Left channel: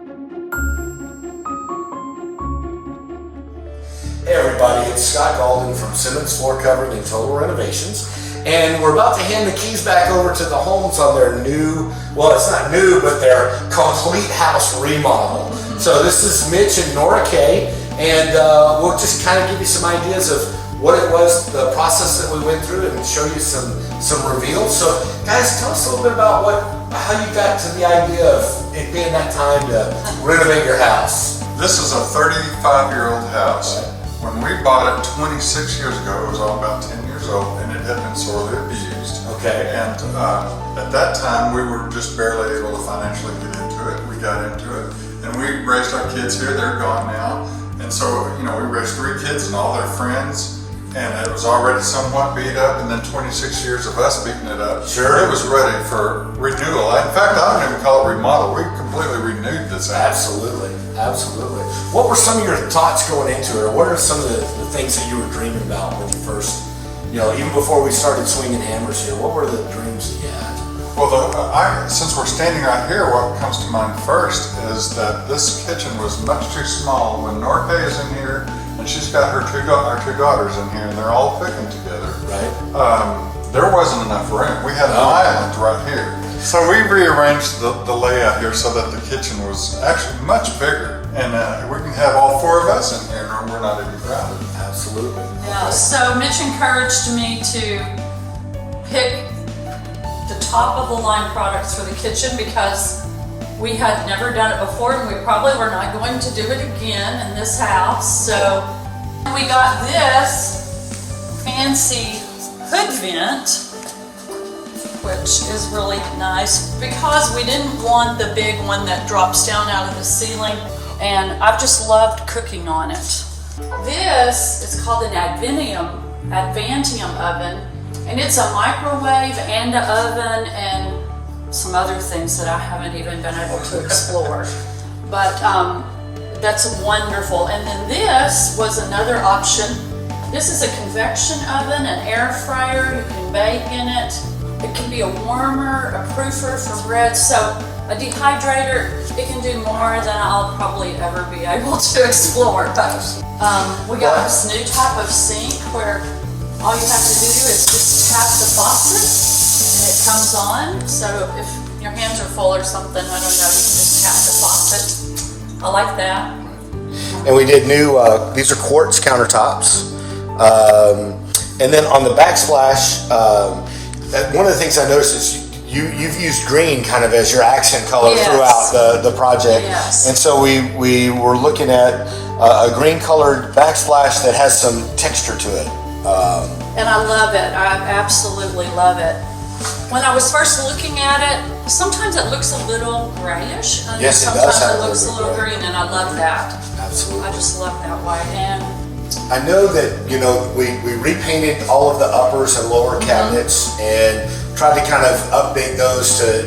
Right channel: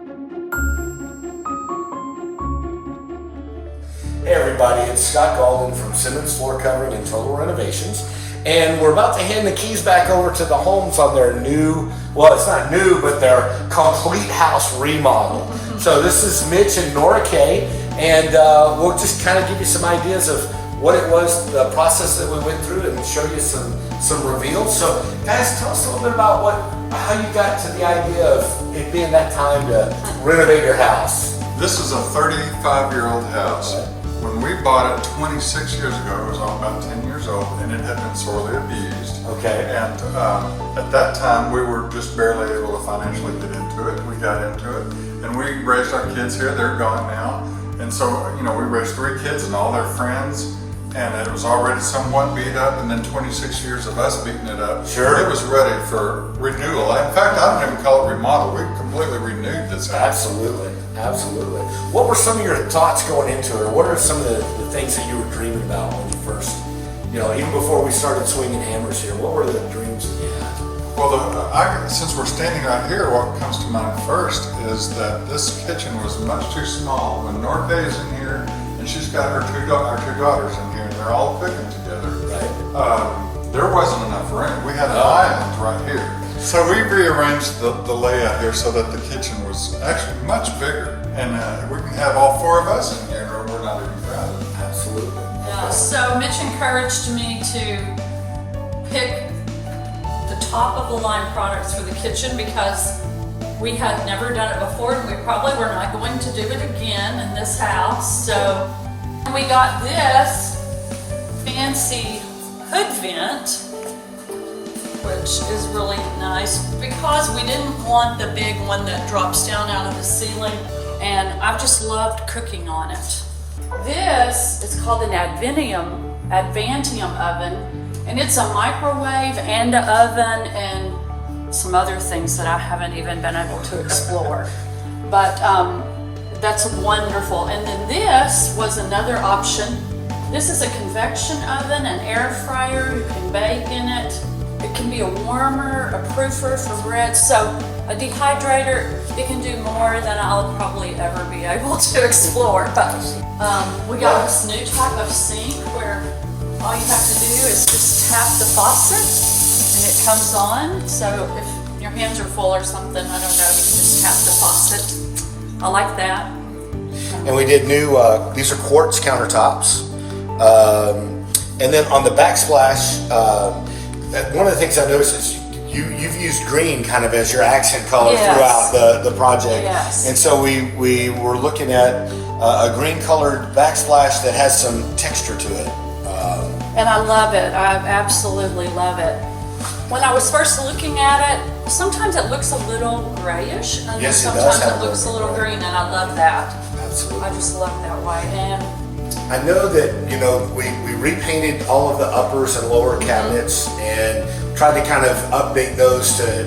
Hey everybody, it's Scott Galden from Simmons Floor Covering and Total Renovations, and we're about to hand the keys back over to the Holmes on their new, well, it's not new, but their complete house remodel. So this is Mitch and Nora Kay, and we'll just kind of give you some ideas of what it was, the process that we went through, and show you some reveals. So guys, tell us a little bit about how you got to the idea of it being that time to renovate your house. This is a 35-year-old house. Right. When we bought it 26 years ago, it was all about 10 years old, and it had been sorely abused. Okay. And at that time, we were just barely able to financially get into it. We got into it, and we raised our kids here. They're gone now. And so, we raised 3 kids and all their friends, and it was already somewhat beat up, and then 26 years of us beating it up. Sure. It was ready for renewal. In fact, I don't even call it remodel. We completely renewed this house. Absolutely, absolutely. What were some of your thoughts going into it, or what are some of the things that you were dreaming about when you first, even before we started swinging hammers here, what were the dreams that you had? Well, since we're standing right here, what comes to mind first is that this kitchen was much too small. When Norte is in here, and she's got our two daughters in here, and they're all cooking together. Right. There wasn't enough room. We had an island right here. So we rearranged the layout here so that the kitchen was actually much bigger, and we can have all 4 of us in here, and we're not even crowded. Absolutely. Yeah, Okay. so Mitch encouraged me to pick the top of the line products for the kitchen because we had never done it before, and we probably were not going to do it again in this house. So we got this fancy hood vent, which is really nice because we didn't want the big one that drops down out of the ceiling, and I've just loved cooking on it. This is called an Advantium oven, and it's a microwave and an oven and some other things that I haven't even been able to explore. But that's wonderful. And then this was another option. This is a convection oven, an air fryer. You can bake in it. It can be a warmer, a proofer for bread. So a dehydrator, it can do more than I'll probably ever be able to explore. But we got this new type of sink where all you have to do is just tap the faucet and it comes on. So if your hands are full or something, I don't know, you can just tap the faucت. I like that. And we did new, these are quartz countertops. And then on the backsplash, one of the things I noticed is you've used green kind of as your accent color throughout the project. Yes. And so we were looking at a green colored backsplash that has some texture to it. And I love it. I absolutely love it. When I was first looking at it, sometimes it looks a little grayish, and Yes, it then does sometimes have it looks a little green, and I love that. Absolutely. I just love that white. And I know that, we repainted all of the uppers and lower cabinets and tried to kind of update those to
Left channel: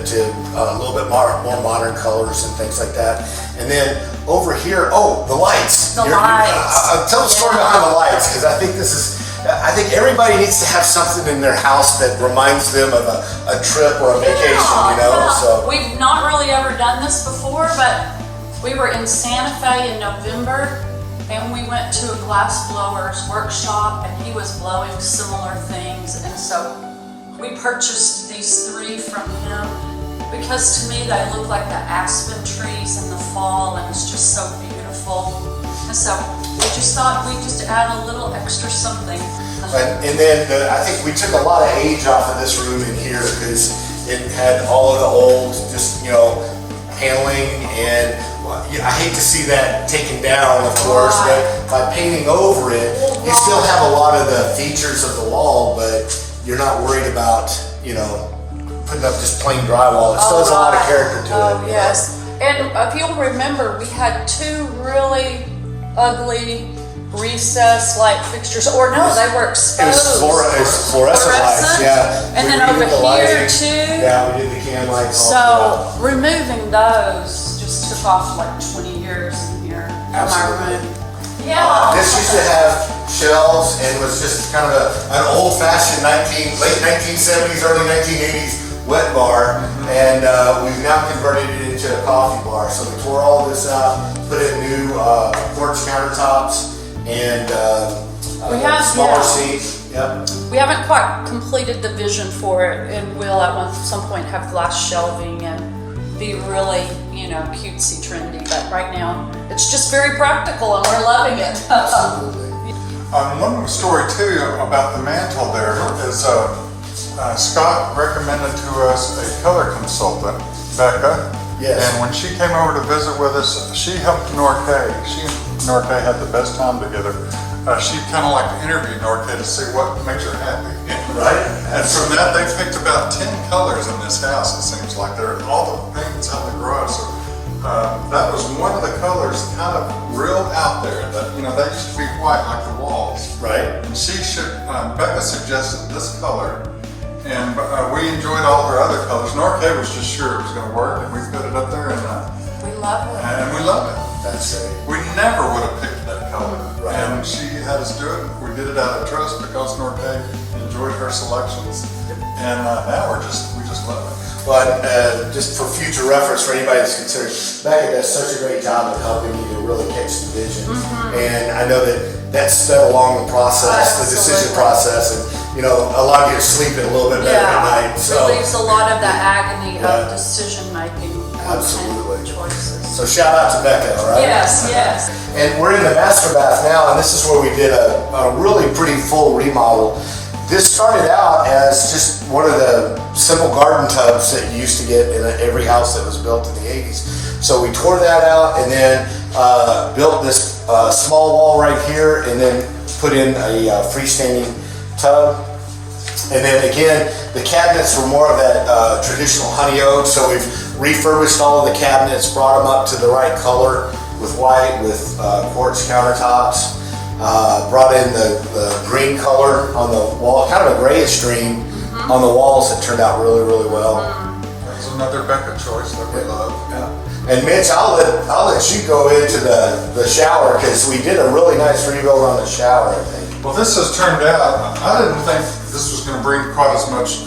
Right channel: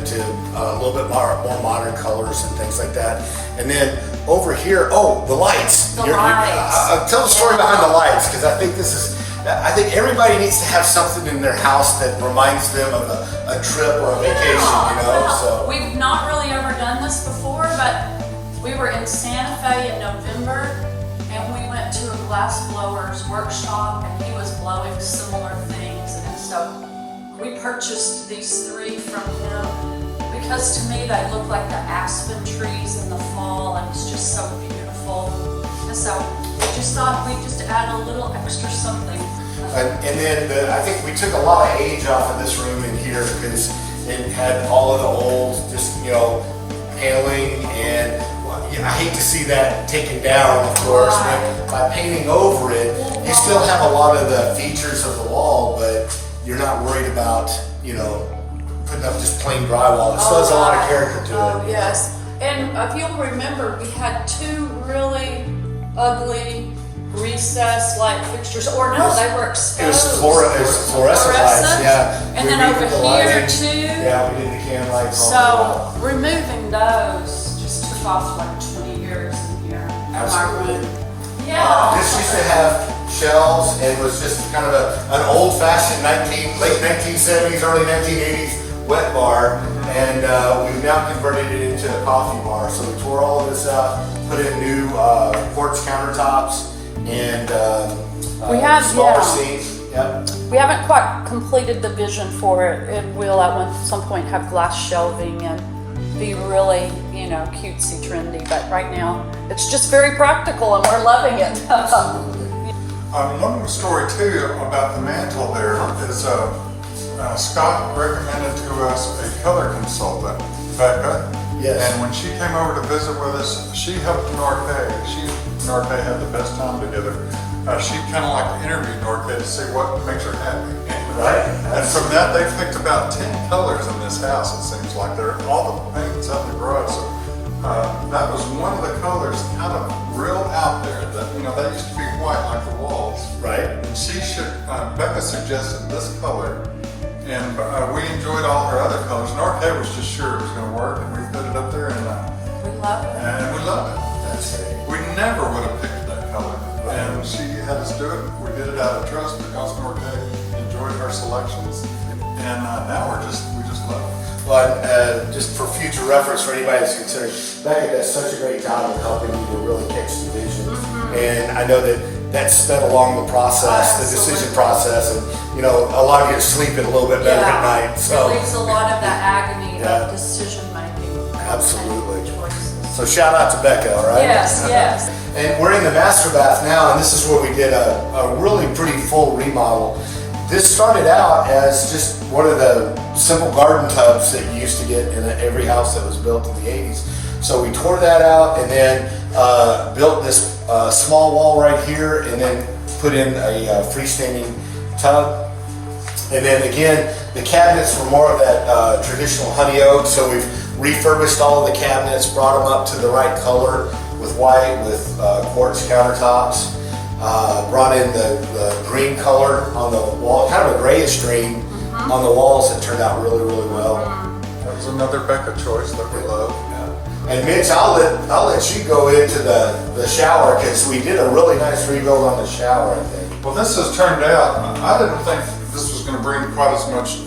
a little bit more modern colors and things like that. And then over here, the lights. The lights. Tell the story behind the lights, because I think everybody needs to have something in their house that reminds them of a trip or a vacation, so. We've not really ever done this before, but we were in Santa Fe in November, and we went to a glass blower's workshop, and he was blowing similar things, and so we purchased these 3 from him because to me they look like the aspen trees in the fall, and it's just so beautiful. And so we just thought we'd just add a little extra something. And then I think we took a lot of age off of this room in here because it had all of the old, paneling, and I hate to see that taken down, of course, but by painting over it, you still have a lot of the features of the wall, but you're not worried about, putting up just plain drywall. It still has a lot of character to it. Oh, yes. And if you'll remember, we had 2 really ugly recessed light fixtures, or no, they were exposed. It was fluorescent lights, yeah. And then over here too. Yeah, we did the can lights. So removing those just took off like 20 years in here. Absolutely. Yeah. This used to have shelves and was just kind of an old-fashioned late 1970s, early 1980s wet bar. and we've now converted it into a coffee bar. So we tore all of this out, put in new quartz countertops, and smaller seats. Yep. We haven't quite completed the vision for it. It will at some point have glass shelving and be really, cutesy, trendy. But right now, it's just very practical, and we're loving it. Absolutely. One story too about the mantle there is Scott recommended to us a color consultant, Becca. Yes. And when she came over to visit with us, she helped Norkay. She and Norkay had the best time together. She kind of like interviewed Norkay to see what makes her happy. Right. And from that, they picked about 10 colors in this house. It seems like they're all the paint's out the garage. So that was one of the colors, kind of real out there. That they used to be white like the walls. Right. And Becca suggested this color, and we enjoyed all her other colors. Norkay was just sure it was going to work, and we put it up there, and We love it. we love it. That's right. We never would have picked that color, Right. and she had us do it. We did it out of trust because Norkay enjoyed her selections, and now we just love it. But just for future reference, for anybody that's concerned, Becca does such a great job of helping you to really catch the vision. And I know that sped along the process, the decision process, and a lot of you are sleeping a little bit better at night. So relieves a lot of the agony Yeah. of decision making. Absolutely. And choices. So shout out to Becca, all right? Yes. And we're in the master bath now, and this is where we did a really pretty full remodel. This started out as just one of the simple garden tubs that you used to get in every house that was built in the 80s. So we tore that out and then built this small wall right here, and then put in a freestanding tub. And then again, the cabinets were more of that traditional honey oak, so we've refurbished all of the cabinets, brought them up to the right color with white, with quartz countertops. Brought in the green color on the wall, kind of a grayish green on the walls that turned out really, really well. That was another Becca choice that we love. Yeah. And Mitch, I'll let you go into the shower, because we did a really nice rebuild on the shower, I think. Well, this has turned out, I didn't think this was going to bring quite as much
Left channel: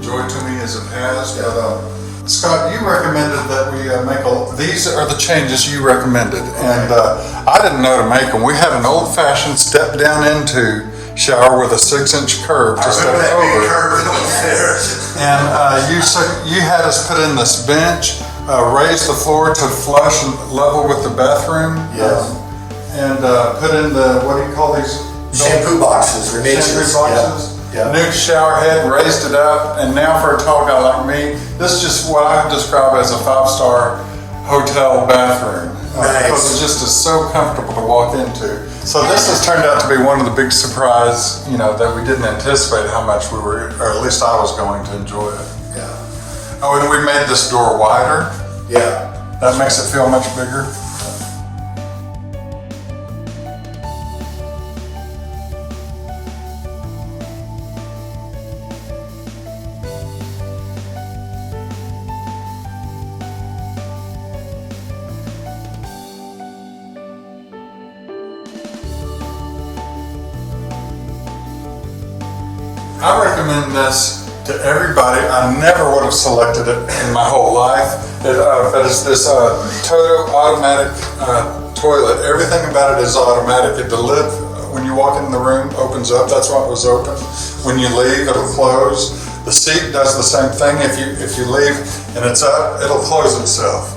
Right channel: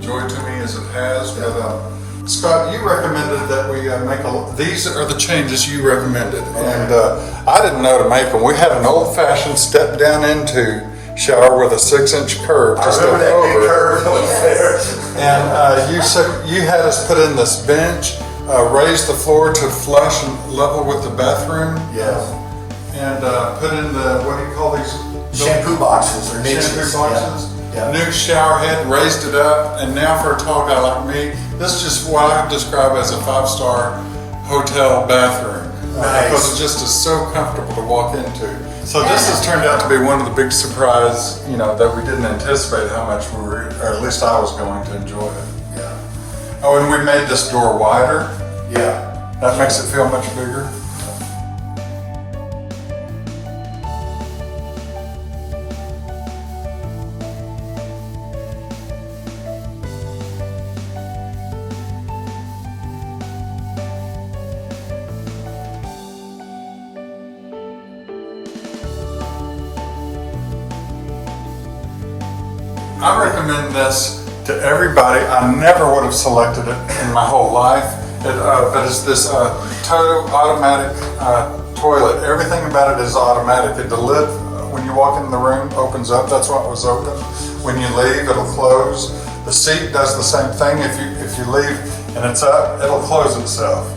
joy to me as it has, but Scott, you recommended that we these are the changes you recommended, and I didn't know to make them. We had an old-fashioned step down into shower with a 6-inch curve. I remember that big curve that was there. And you had us put in this bench, raise the floor to flush and level with the bathroom. Yes. And put in the, what do you call these? Shampoo boxes, Shampoo boxes. Yeah. New shower head, raised it up, and now for a tall guy like me, this is just what I describe as a 5-star hotel bathroom. Nice. Because it just is so comfortable to walk into. So this has turned out to be one of the big surprises, that we didn't anticipate how much we were, or at least I was going to enjoy it. Yeah. Oh, and we made this door wider. Yeah. That makes it feel much bigger. I recommend this to everybody. I never would have selected it in my whole life. But it's this total automatic toilet. Everything about it is automatic. The lid, when you walk in the room, opens up. That's why it was open. When you leave, it'll close. The seat does the same thing. If you leave and it's up, it'll close itself.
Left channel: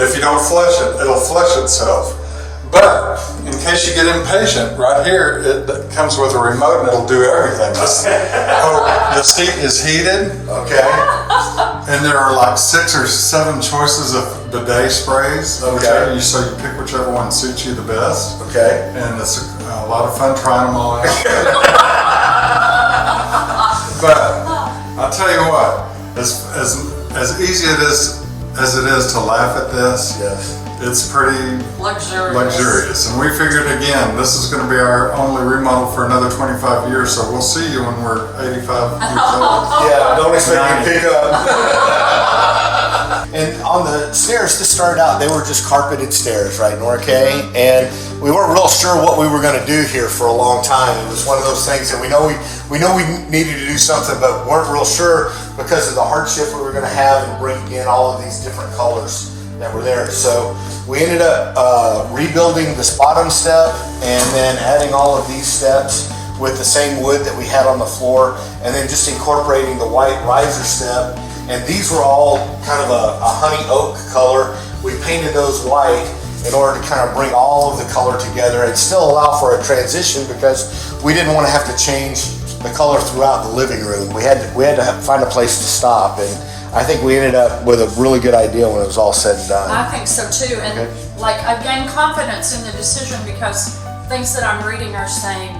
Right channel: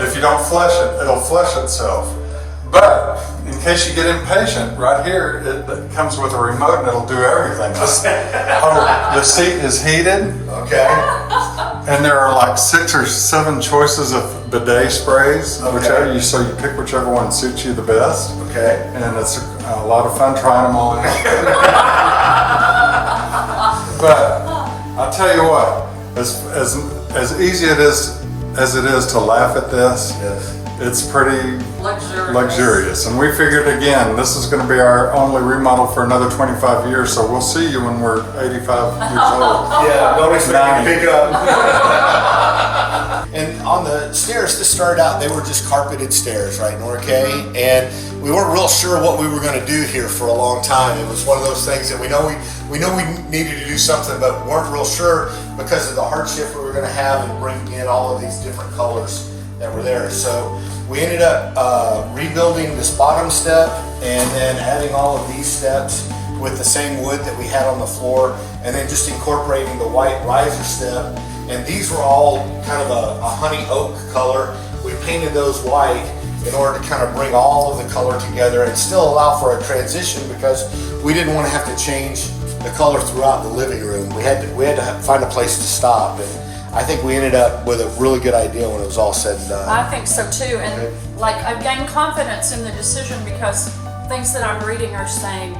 If you don't flush it, it'll flush itself. But in case you get impatient, right here it comes with a remote and it'll do everything. The seat is heated. Okay. And there are like 6 or 7 choices of bidet sprays. Okay. So you pick whichever one suits you the best. Okay. And it's a lot of fun trying them all out. But I'll tell you what, as easy as it is to laugh at this, Yes. it's pretty Luxurious. And we figured, again, this is going to be our only remodel for another 25 years, so we'll see you when we're 85 years old. Yeah, nobody's making me pick up. And on the stairs, this started out, they were just carpeted stairs, right, Norkay? And we weren't real sure what we were going to do here for a long time. It was one of those things that we know we needed to do something, but weren't real sure. because of the hardship we were going to have in bringing in all of these different colors that were there. So we ended up rebuilding this bottom step and then adding all of these steps with the same wood that we had on the floor, and then just incorporating the white riser step. And these were all kind of a honey oak color. We painted those white in order to kind of bring all of the color together and still allow for a transition, because we didn't want to have to change the color throughout the living room. We had to find a place to stop, and I think we ended up with a really good idea when it was all said and done. I think so too, and like I've gained confidence in the decision because things that I'm reading are saying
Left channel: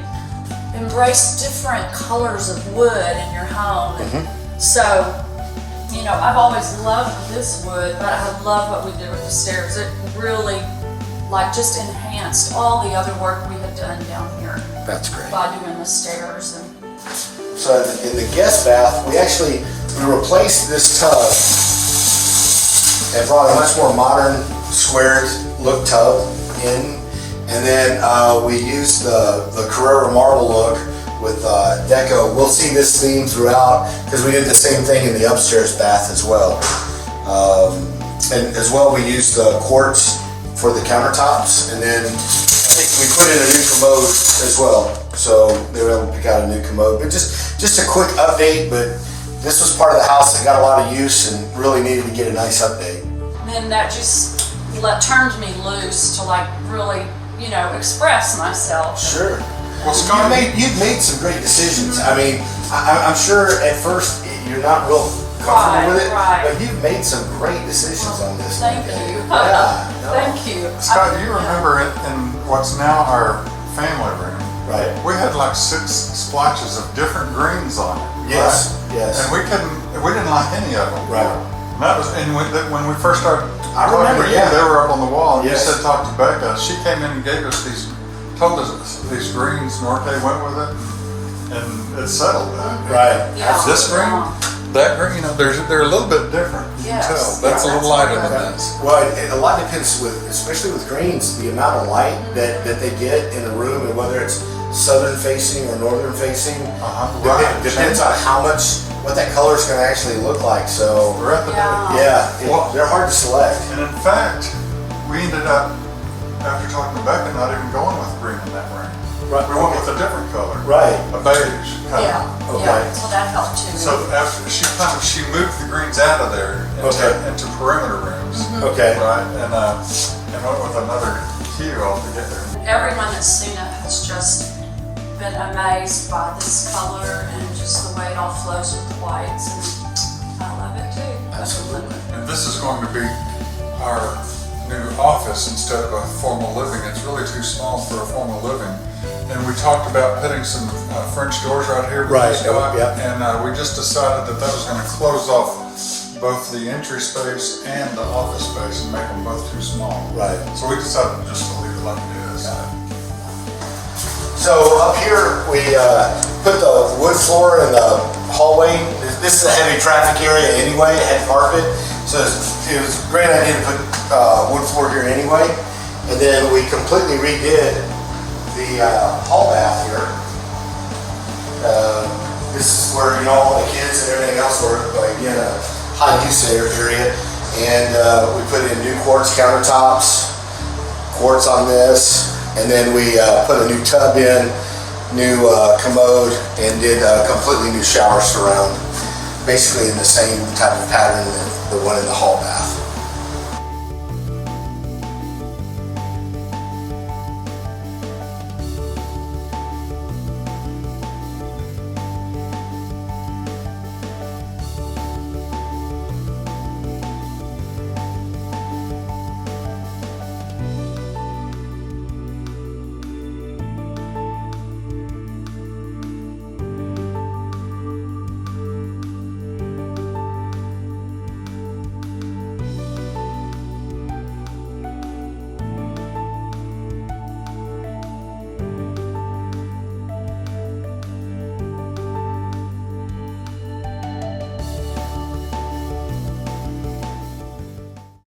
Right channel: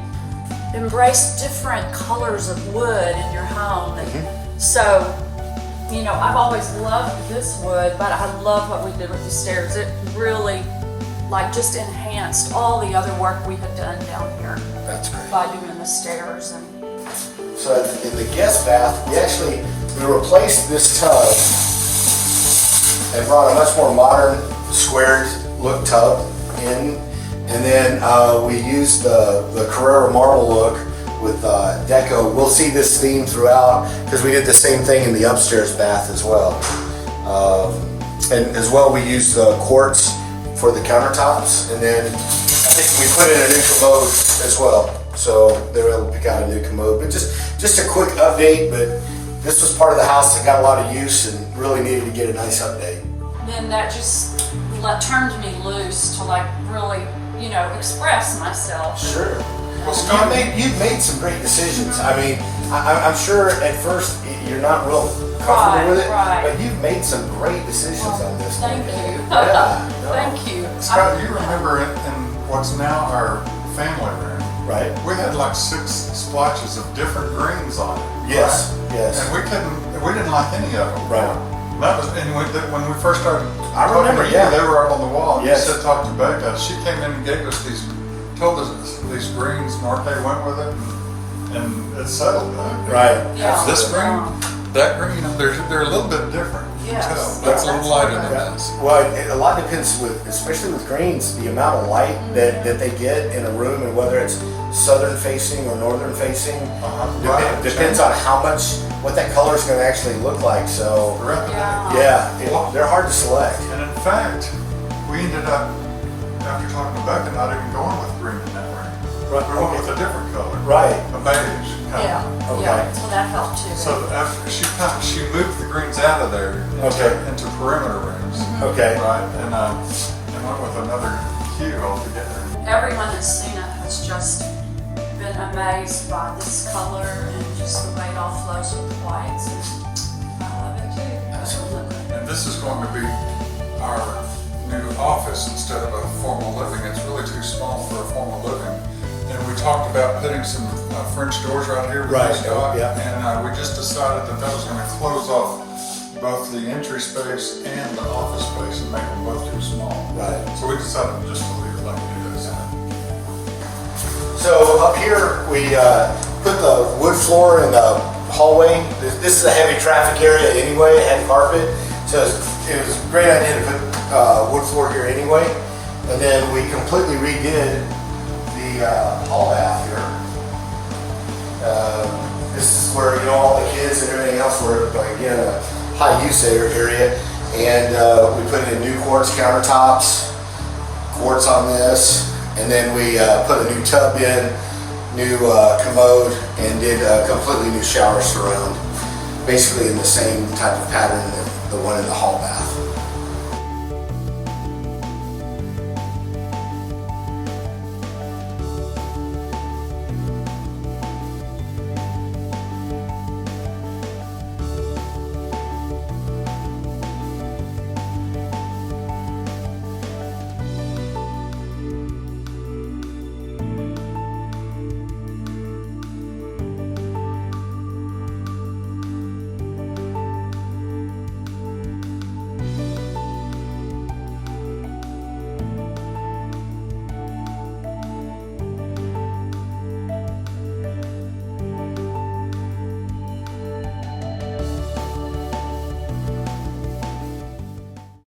embrace different colors of wood in your home. And so, you know, I've always loved this wood, but I love what we did with the stairs. It really, like, just enhanced all the other work we had done down here. That's great. By doing the stairs. And so in the guest bath, we replaced this tub and brought a much more modern squared look tub in. And then we used the Carrera marble look with deco. We'll see this theme throughout because we did the same thing in the upstairs bath as well. And as well, we used the quartz for the countertops, and then I think we put in a new commode as well. So they were able to pick out a new commode. But just a quick update, but this was part of the house that got a lot of use and really needed to get a nice update. then that just turned me loose to like really, you know, express myself. Sure. Well, you've made some great decisions. I mean, I'm sure at first you're not real comfortable with it, but you've made some great decisions on this. Thank you. Yeah. Thank you. Scott, you remember in what's now our family room? Right. We had like 6 splotches of different greens on it. Yes. Right? Yes. And we didn't like any of them. Right. And that was, and when we first started, I remember. Yeah. They were up on the wall. Yes. You said talk to Becca. She came in and gave us told us these greens. Norte went with it, and it settled that. Right. Yeah. This green, that green, you know, they're a little bit different. Yes. You can tell. That's a little lighter than that. Well, a lot depends especially with greens, the amount of light that they get in a room, and whether it's southern facing or northern facing, depends on what that color is going to actually look like. So, they're hard to select. And in fact, we ended up, after talking to Becca, not even going with green in that room. Right. We went with a different color. Right. A beige color. Yeah. Okay. Yeah. So that helped too. So after she moved the greens out of there into perimeter rooms. Okay. Right. And went with another hue altogether. Everyone that's seen it has just been amazed by this color and just the way it all flows with the whites. And I love it too. Absolutely. And this is going to be our new office instead of a formal living. It's really too small for a formal living. And we talked about putting some French doors right here. Right. Yeah. And we just decided that was going to close off both the entry space and the office space and make them both too small. Right. So we decided just to leave it like it is. So up here we put the wood floor in the hallway. This is a heavy traffic area anyway. It had carpet, so it was a great idea to put wood floor here anyway. And then we completely redid the hall bath here. This is where all the kids and everything else were, again, a high use area. And we put in new quartz countertops, quartz on this. And then we put a new tub in, new commode, and did a completely new shower surround, basically in the same type of pattern that the one in the hall bath.